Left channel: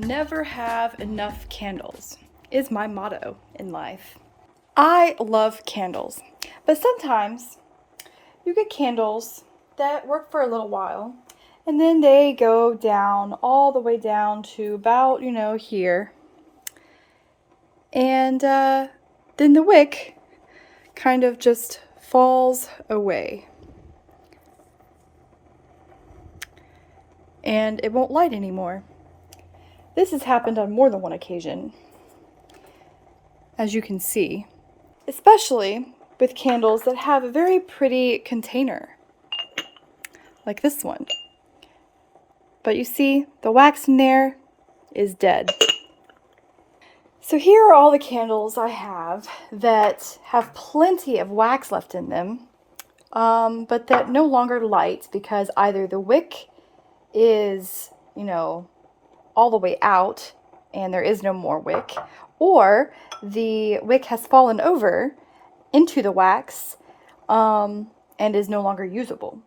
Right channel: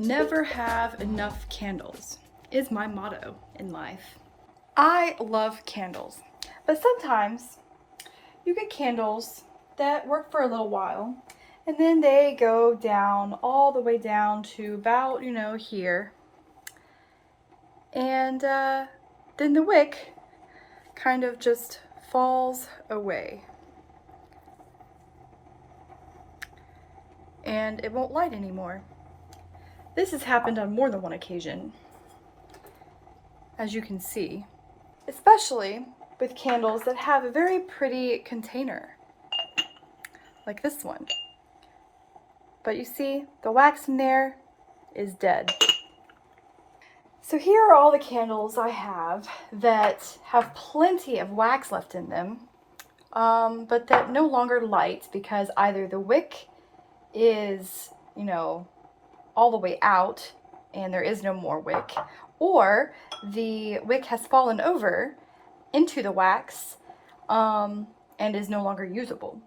never have enough candles is my motto in life. I love candles, but sometimes you get candles that work for a little while and then they go down all the way down to about, here. And then the wick kind of just falls away. And it won't light anymore. This has happened on more than one occasion, as you can see, especially with candles that have a very pretty container, like this one. But you see, the wax in there is dead. So here are all the candles I have that have plenty of wax left in them, but that no longer light because either the wick is, all the way out and there is no more wick, or the wick has fallen over into the wax and is no longer usable.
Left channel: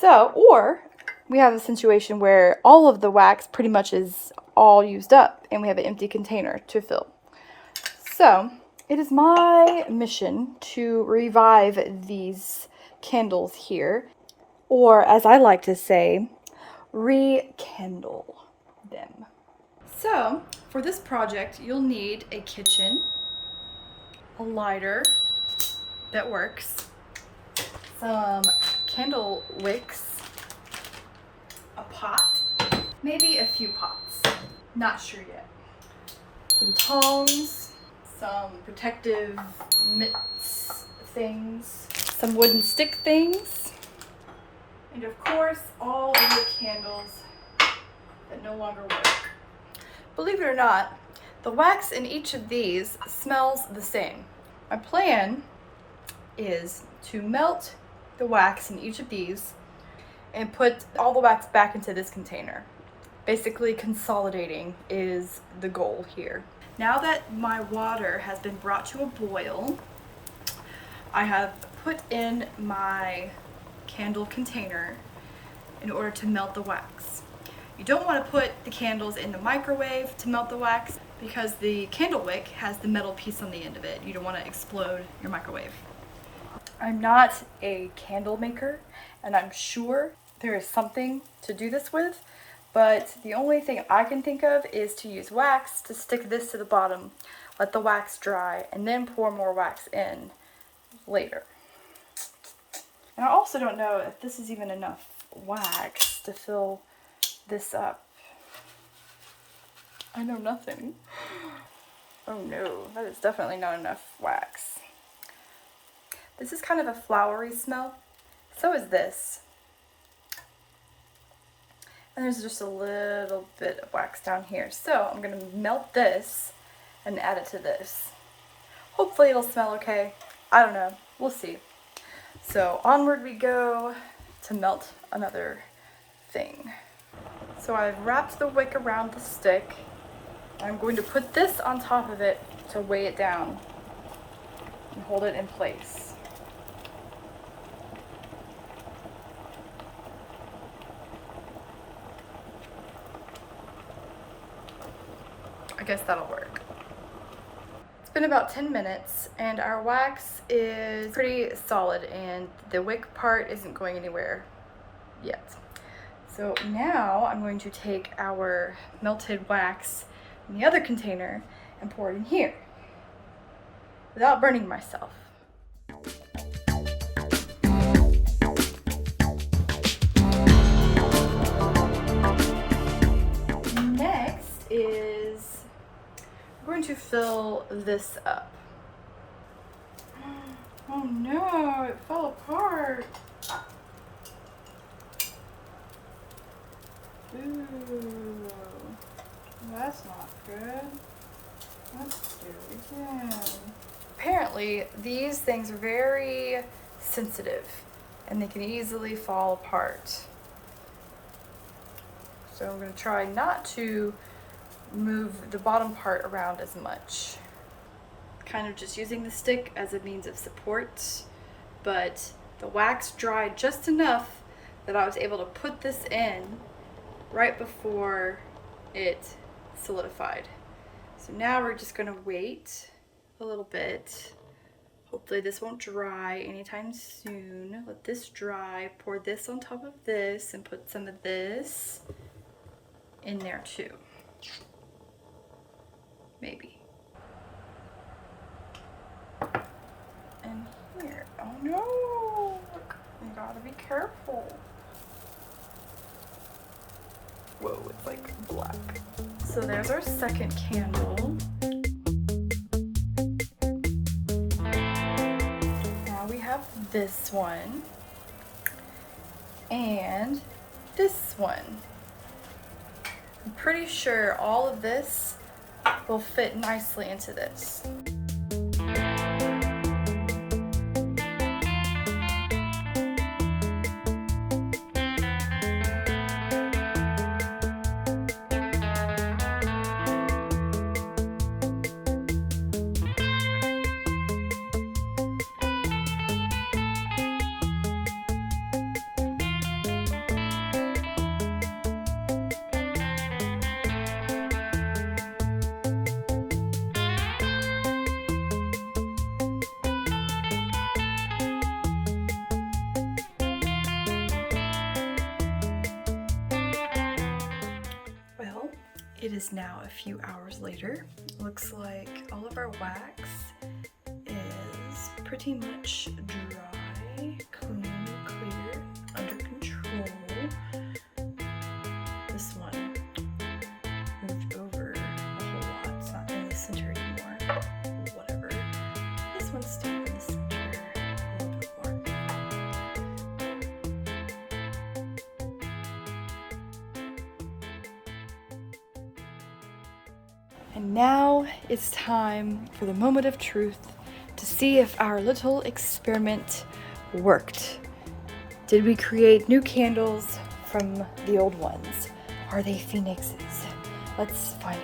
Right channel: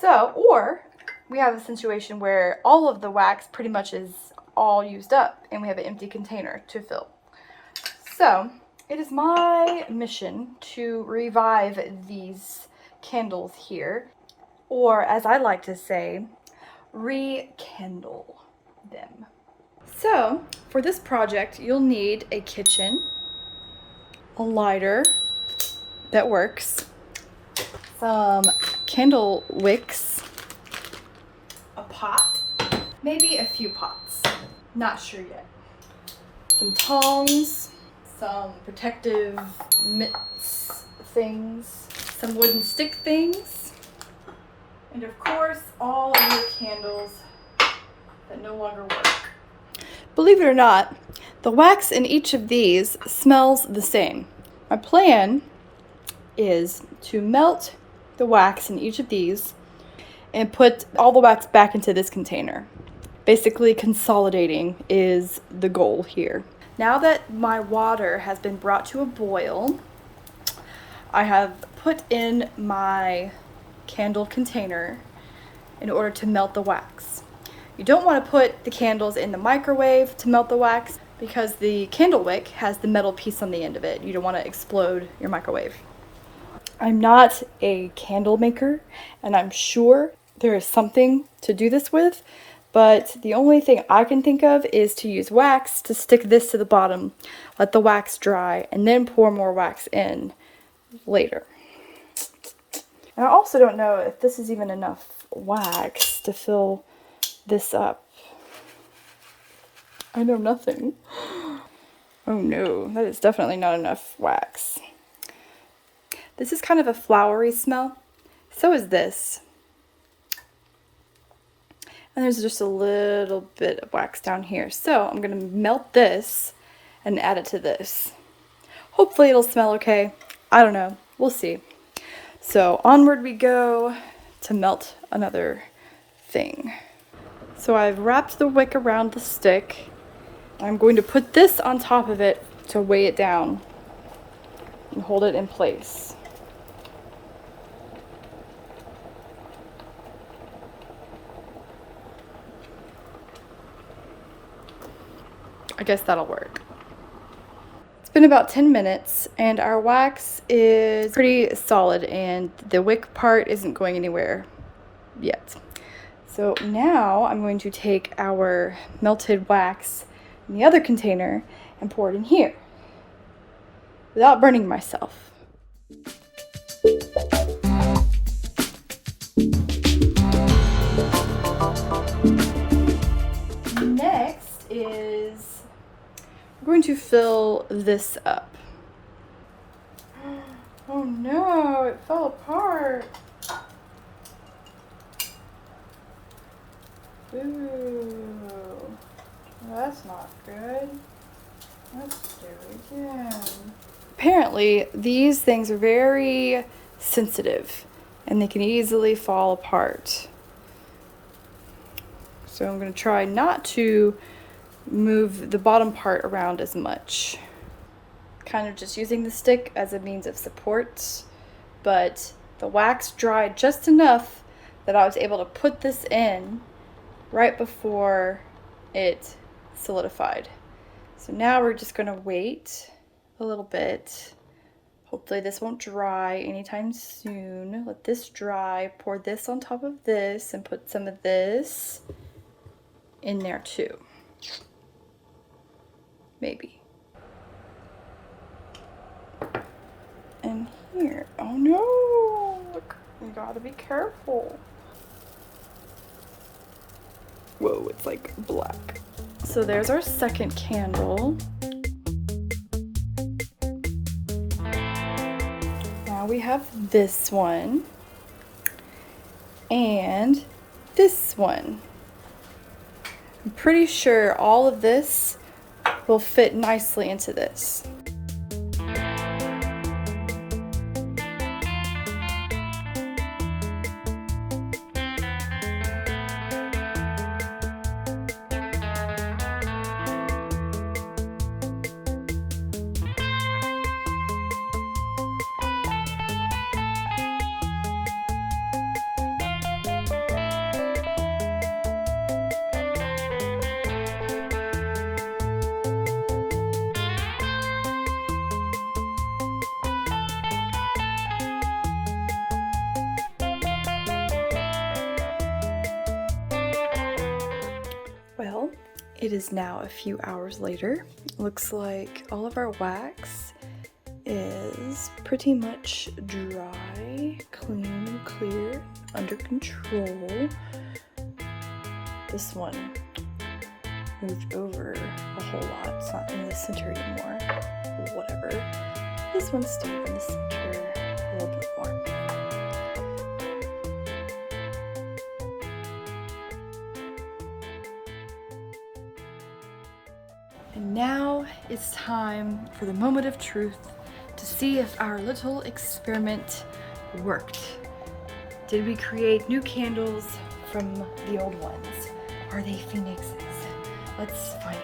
So, or we have a situation where all of the wax pretty much is all used up and we have an empty container to fill. So it is my mission to revive these candles here, or as I like to say, rekindle them. So for this project, you'll need a kitchen, a lighter that works, some candle wicks, a pot, maybe a few pots, not sure yet, some tongs, some protective mitts things, some wooden stick things, and of course all of your candles that no longer work. Believe it or not, the wax in each of these smells the same. My plan is to melt the wax in each of these and put all the wax back into this container. Basically, consolidating is the goal here. Now that my water has been brought to a boil, I have put in my candle container in order to melt the wax. You don't want to put the candles in the microwave to melt the wax because the candle wick has the metal piece on the end of it. You don't want to explode your microwave. I'm not a candle maker, and I'm sure there is something to do this with, but the only thing I can think of is to use wax to stick this to the bottom, let the wax dry, and then pour more wax in later. And I also don't know if this is even enough wax to fill this up. I know nothing. Oh no, that is definitely not enough wax. This is kind of a flowery smell. So is this. And there's just a little bit of wax down here. So I'm gonna melt this and add it to this. Hopefully it'll smell okay. I don't know, we'll see. So onward we go to melt another thing. So I've wrapped the wick around the stick. I'm going to put this on top of it to weigh it down and hold it in place. I guess that'll work. It's been about 10 minutes and our wax is pretty solid and the wick part isn't going anywhere yet. So now I'm going to take our melted wax in the other container and pour it in here without burning myself. Next is we're going to fill this up. Oh no, it fell apart. Ooh, well, that's not good. Let's do it again. Apparently, these things are very sensitive and they can easily fall apart. So I'm going to try not to move the bottom part around as much. Kind of just using the stick as a means of support, but the wax dried just enough that I was able to put this in right before it solidified. So now we're just gonna wait a little bit. Hopefully this won't dry anytime soon. Let this dry, pour this on top of this, and put some of this in there too. Maybe. And here, oh no, look, you gotta be careful. Whoa, it's like black. So there's our second candle. Now we have this one and this one. I'm pretty sure all of this will fit nicely into this. Well, it is now a few hours later. Looks like all of our wax is pretty much dry, clean, clear, under control. This one moved over a whole lot. It's not in the center anymore. Whatever. This one's still in the center a little bit more. And now it's time for the moment of truth to see if our little experiment worked. Did we create new candles from the old ones? Are they phoenixes? Let's find